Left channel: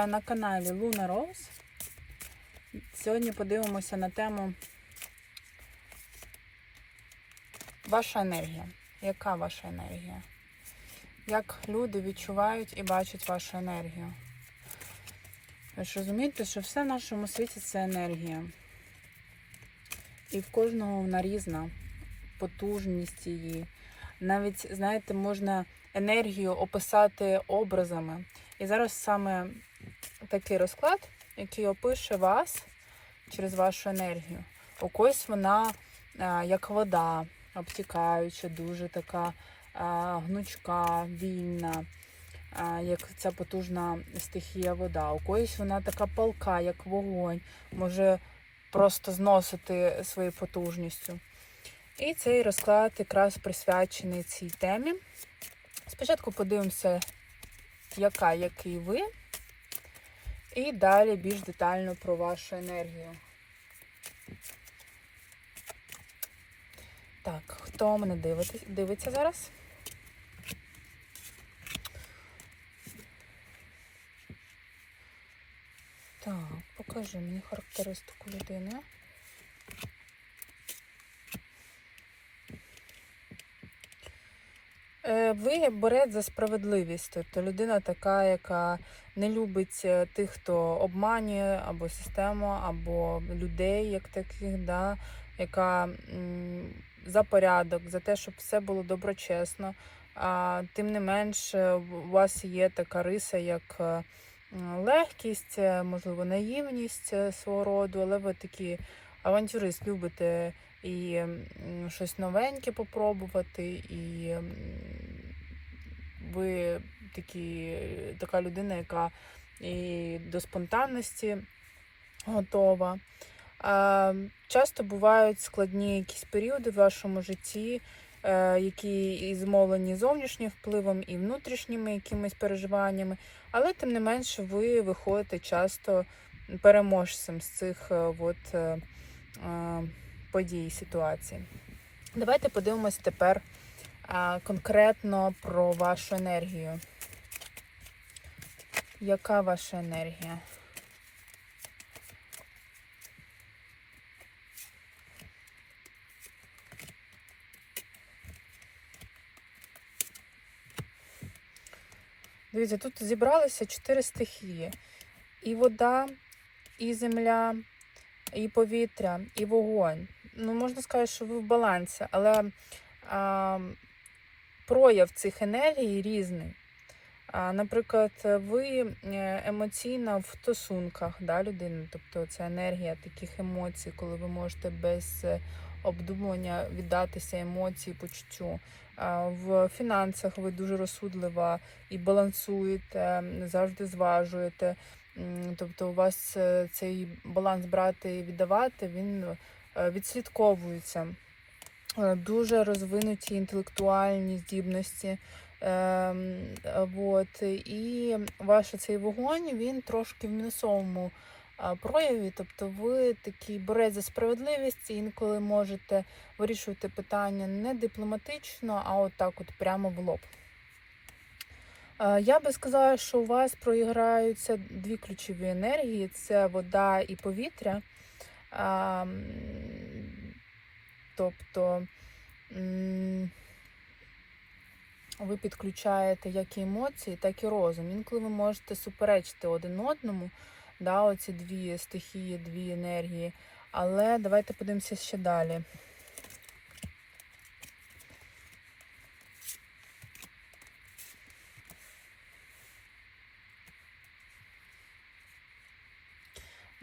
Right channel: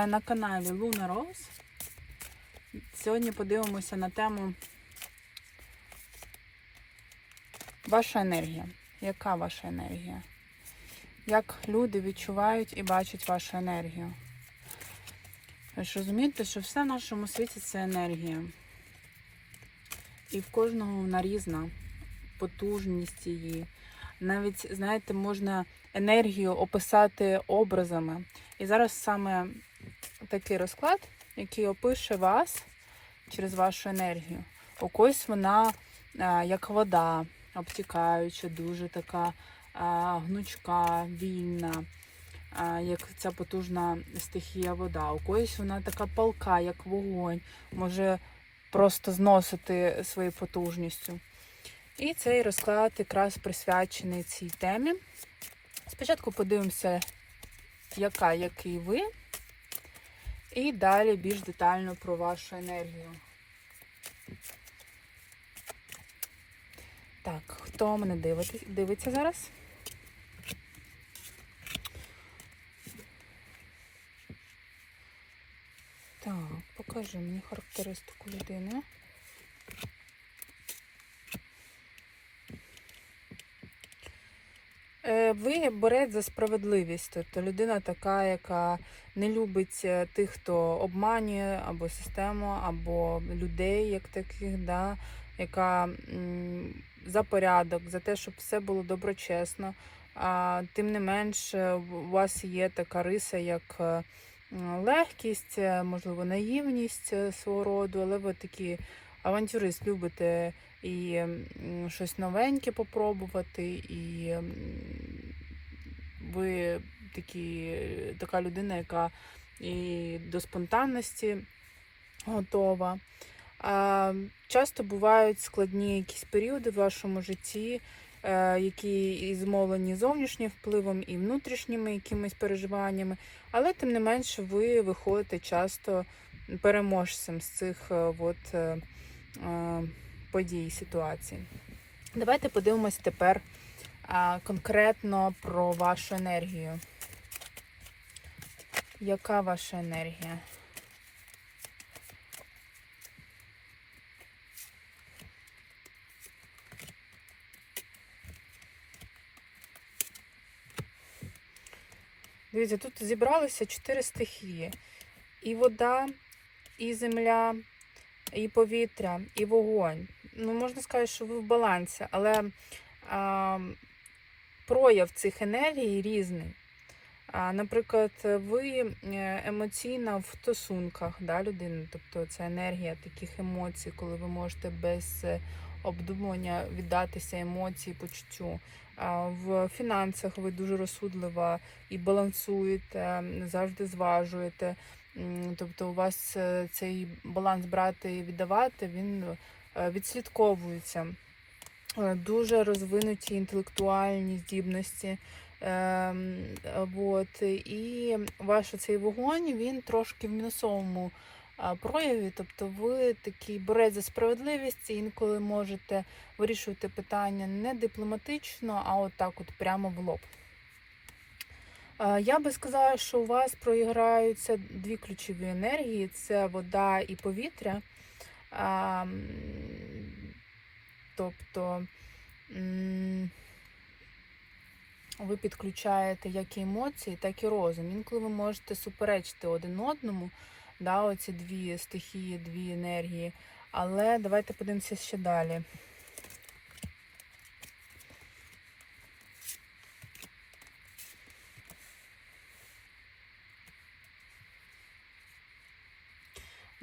на каналі Luna Rose. Сьогодні подивимося на тему ваша енергія. Яка ваша енергія? Як люди відчувають і бачать вашу енергію? Ви ж розумієте, що все в нашому світі це енергія. І в кожного вона різна, потужність її. Навіть, знаєте, можна енергію описати образами. І зараз саме такий розклад, який опише вас через вашу енергію. У когось вона як вода, обтікаюча, дуже така гнучка, вільна, як ця потужна стихія вода. У когось вона така палка, як вогонь, може просто зносити своєю потужністю. І цей розклад якраз присвячений цій темі. Спочатку подивимося, яка, який ви, і далі більш детально про вашу енергію. Так, хто мене дивиться, зараз? Так, покажи мені характеристику людини. Ви як борець за справедливість, тобто людина така, яка не любить е, тих, хто обманює або систему, або людей, як таких, да, яка за порядок, за те, щоб все було доброчесно. А тим не менш, е, у вас є така риса, як е, легкість, е, можливо, наївність е, свого роду, але ви такі авантюрист, любите і щось новеньке попробувати, і ви такі, така людина, яка і до спонтанності готова. Часто бувають складні якісь періоди в вашому житті, е, які і змовлені зовнішнім впливом, і внутрішніми якимись переживаннями, але тим не менше ви виходите часто переможцем з цих е, от, е, подій, ситуацій. Давайте подивимось тепер конкретно про вашу енергію. Яка ваша енергія? Дивіться, тут зібралися чотири стихії: і вода, і земля, і повітря, і вогонь. Ну, можна сказати, що ви в балансі, але а, прояв цих енергій різний. А, Наприклад, ви е, емоційна в стосунках да, людини, тобто це енергія таких емоцій, коли ви можете без е, обдумування віддатися емоції, почуттю. В фінансах ви дуже розсудлива і балансуєте, завжди зважуєте. Тобто у вас е, цей баланс брати і віддавати, він е, відслідковується. Е, Дуже розвинуті інтелектуальні здібності. Ем, от, і ваш цей вогонь він трошки в мінусовому прояві. Тобто ви такий борець за справедливість, інколи можете вирішувати питання не дипломатично, а от так от прямо в лоб. Е, Я би сказала, що у вас проіграються дві ключові енергії: це вода і повітря. А, Тобто ви підключаєте як і емоції, так і розум. Інколи ви можете суперечити один одному, да, оці дві стихії, дві енергії. Але давайте подивимося ще далі.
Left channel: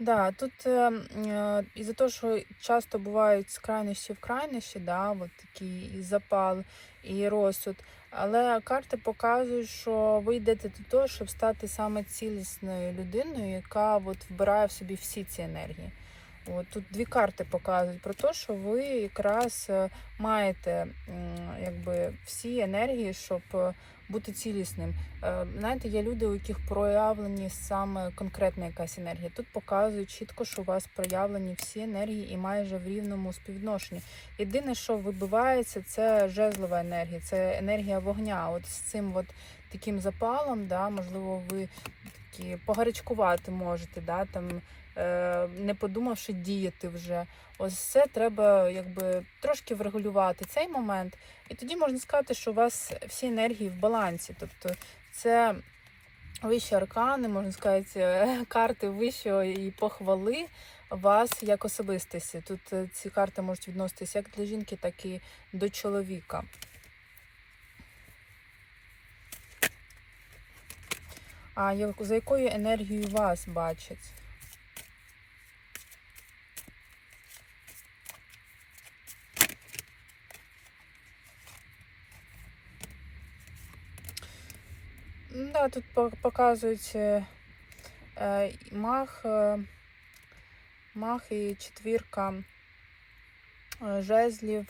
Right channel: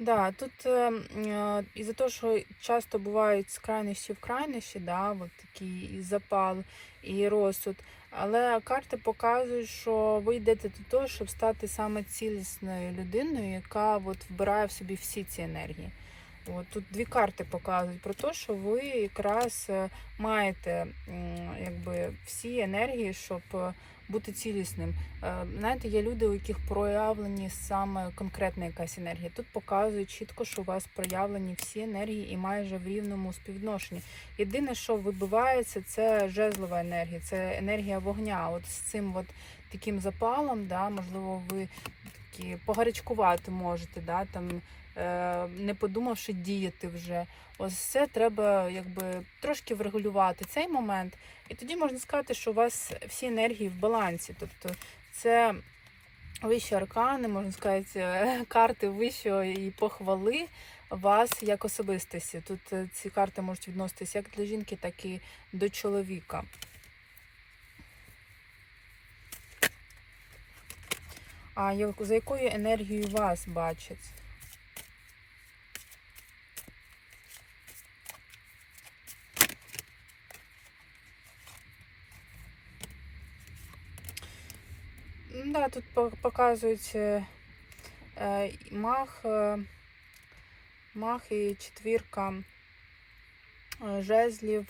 Да, тут е, із-за того, що часто бувають з крайнощі в крайнощі, да, от такий і запал, і розсуд. Але карти показують, що ви йдете до того, щоб стати саме цілісною людиною, яка от вбирає в собі всі ці енергії. От тут дві карти показують про те, що ви якраз е, маєте якби всі енергії, щоб е, бути цілісним. Е, Знаєте, є люди, у яких проявлені саме конкретна якась енергія. Тут показують чітко, що у вас проявлені всі енергії і майже в рівному співвідношенні. Єдине, що вибивається, це жезлова енергія, це енергія вогня. От з цим от таким запалом, да, можливо, ви такі, погарячкувати можете, да, там, не подумавши діяти вже. Ось це треба якби трошки врегулювати цей момент. І тоді можна сказати, що у вас всі енергії в балансі. Тобто це вищі аркани, можна сказати, е, карти вищої похвали вас як особистості. Тут е, ці карти можуть відноситися як для жінки, так і до чоловіка. А за якою енергією вас бачать? Да, тут по- показують е, е, мах, е, мах і четвірка жезлів.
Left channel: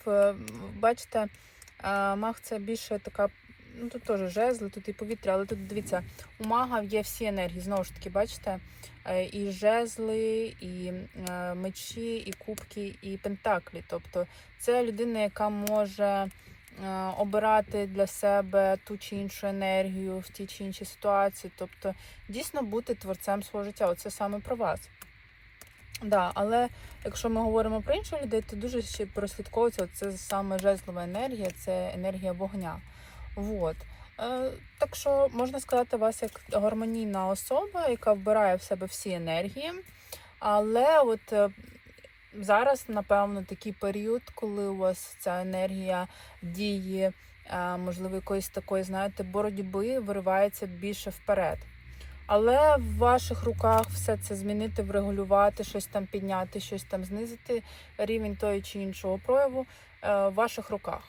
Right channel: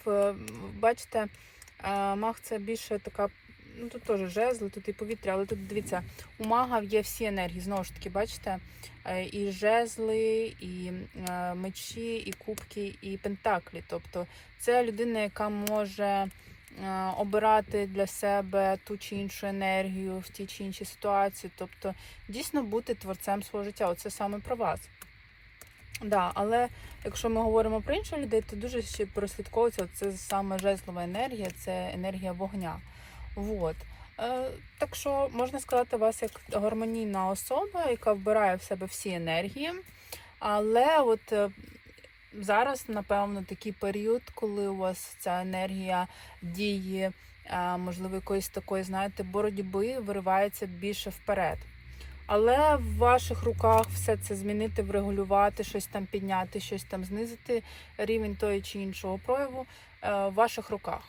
Бачите, мах це більше така. Ну, тут теж жезли, тут і повітря, але тут дивіться, у мага є всі енергії. Знову ж таки, бачите, і жезли, і мечі, і кубки, і пентаклі. Тобто це людина, яка може обирати для себе ту чи іншу енергію в тій чи іншій ситуації. Тобто дійсно бути творцем свого життя. Оце саме про вас. Да, але якщо ми говоримо про інших людей, то дуже ще прослідковується це саме жезлова енергія, це енергія вогня. Вот. Е, так що можна сказати вас як гармонійна особа, яка вбирає в себе всі енергії. Але от е, зараз, напевно, такий період, коли у вас ця енергія дії, е, можливо, якоїсь такої, знаєте, боротьби виривається більше вперед. Але в ваших руках все це змінити, врегулювати, щось там підняти, щось там знизити, рівень тої чи іншого прояву е, в ваших руках.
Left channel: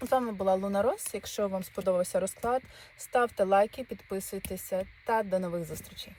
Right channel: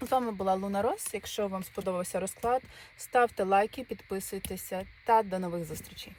З вами була Луна Рос. Якщо вам сподобався розклад, ставте лайки, підписуйтеся та до нових зустрічей.